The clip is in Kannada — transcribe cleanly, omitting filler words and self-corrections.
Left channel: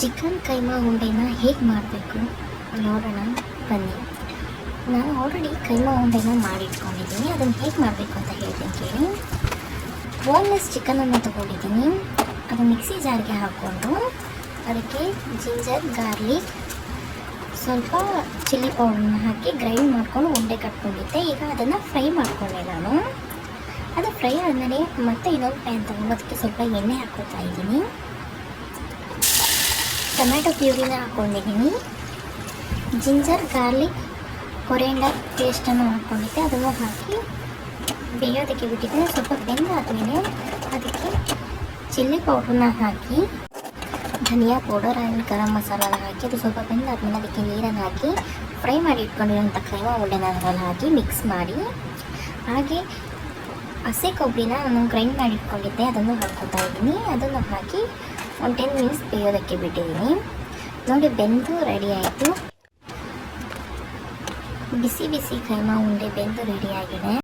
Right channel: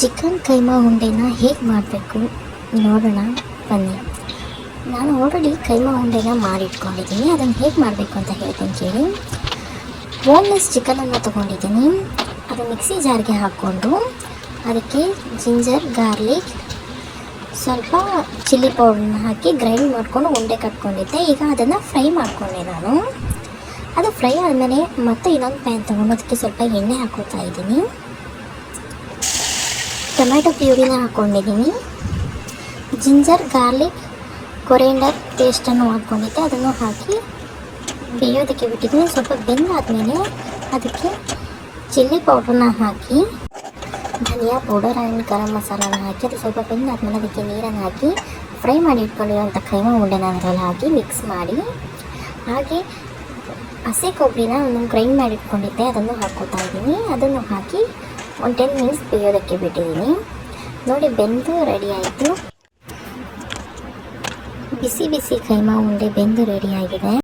ಚಿಕನ್ ಕೈಮಾ ಉಂಡೆನ ಹೇಗೆ ಮಾಡಬೇಕು ನೋಡೋಣ ಬನ್ನಿ. ನಾನು ಆಲ್ರೆಡಿ ಕೈಮಾ ಉಂಡೆನ ಮಾಡಿಟ್ಕೊಂಡಿದ್ದೀನಿ. ಅದನ್ನು ಹೇಗೆ ಮಾಡಬೇಕು ಅಂತ ಹೇಳ್ತೀನಿ ಕೇಳಿ. ಬೋನ್ಲೆಸ್ ಚಿಕನನ್ನು ತೊಗೊಂಡಿದ್ದೀನಿ. ಅದು ಮಿಕ್ಸಿ ಜಾರ್ಗೆ ಹಾಕ್ಕೊಂಡು ಅದಕ್ಕೆ ಜಿಂಜರ್, ಗಾರ್ಲಿಕ್, ಸ್ವಲ್ಪ ಚಿಲ್ಲಿ ಪೌಡ್ರನ್ನ ಹಾಕಿ ಗ್ರೈಂಡ್ ಮಾಡಿಕೊಂಡು ಉಂಡೆ ಕಟ್ಕೊಂಡಿದ್ದೆ. ಈಗ ಅದನ್ನು ಫ್ರೈ ಮಾಡಿಕೊಂಡೆ ನಾನು. ಅದು ಫ್ರೈ ಆದಮೇಲೆ ಮತ್ತೆ ಇನ್ನೊಂದು ಪ್ಯಾನ್ ತೊಗೊಂಡು ಅದಕ್ಕೆ ಸ್ವಲ್ಪ ಎಣ್ಣೆ ಹಾಕೋತಾ ಇದ್ದೀನಿ. ಟೊಮೆಟೊ ಪ್ಯೂರಿನ ಹಾಕ್ಕೊಂಡಿದ್ದೀನಿ. ಜಿಂಜರ್, ಗಾರ್ಲಿಕ್, ಕೊರಿಯಾಂಡರ್ ಪೇಸ್ಟನ್ನು ಹಾಕ್ಕೊಂಡಿದ್ದೆ. ಅದನ್ನು ಹಾಕಿ ಬೇಯೋದಕ್ಕೆ ಬಿಟ್ಟಿದ್ದೀನಿ. ಸ್ವಲ್ಪ ಬೆಂದಾದಮೇಲೆ ಅದಕ್ಕೆ ಚಿಲ್ಲಿ ಪೌಡ್ರನ್ನ ಹಾಕಿ, ಧನಿಯಾ ಪೌಡರ್ ಆ್ಯಂಡ್ ಗರಂ ಮಸಾಲನ ಹಾಕಿ ಅದು ಸ್ವಲ್ಪ ಬೆಂದಾದಮೇಲೆ ಅದಕ್ಕೆ ನೀರನ್ನು ಹಾಕಿ ಫ್ರೈ ಮಾಡಿ ಇಟ್ಕೊಂಡಿರೋಂಥ ಕೈಮಾ ಉಂಡೆನ ಅದರಲ್ಲಿ ಹಾಕಿ ಮಿಕ್ಸ್ ಮಾಡಿ, ಹಾಗೆ ಹಸಿ ಕೊಬ್ಬರಿನ ಒಂದು ಗ್ರೈಂಡ್ ಮಾಡಿ ಇಟ್ಕೊಂಡಿದ್ದೆ ಅದನ್ನು ಹಾಕ್ಕೊತಾ ಇದ್ದೀನಿ. ಅದನ್ನು ಹಾಕಿ ಒಂದು 10 ಮಿನಿಟ್ಸ್ ಬೇಯೋದಕ್ಕೆ ಬಿಟ್ಟಿದ್ದೀನಿ. ನೋಡಿ, ಬೆಂದು ರೆಡಿ ಆಯಿತು. ಬಿಸಿ ಬಿಸಿ ಕೈಮಾ ಉಂಡೆ ಬೆಂದು ರೆಡಿಯಾಗಿದೆ.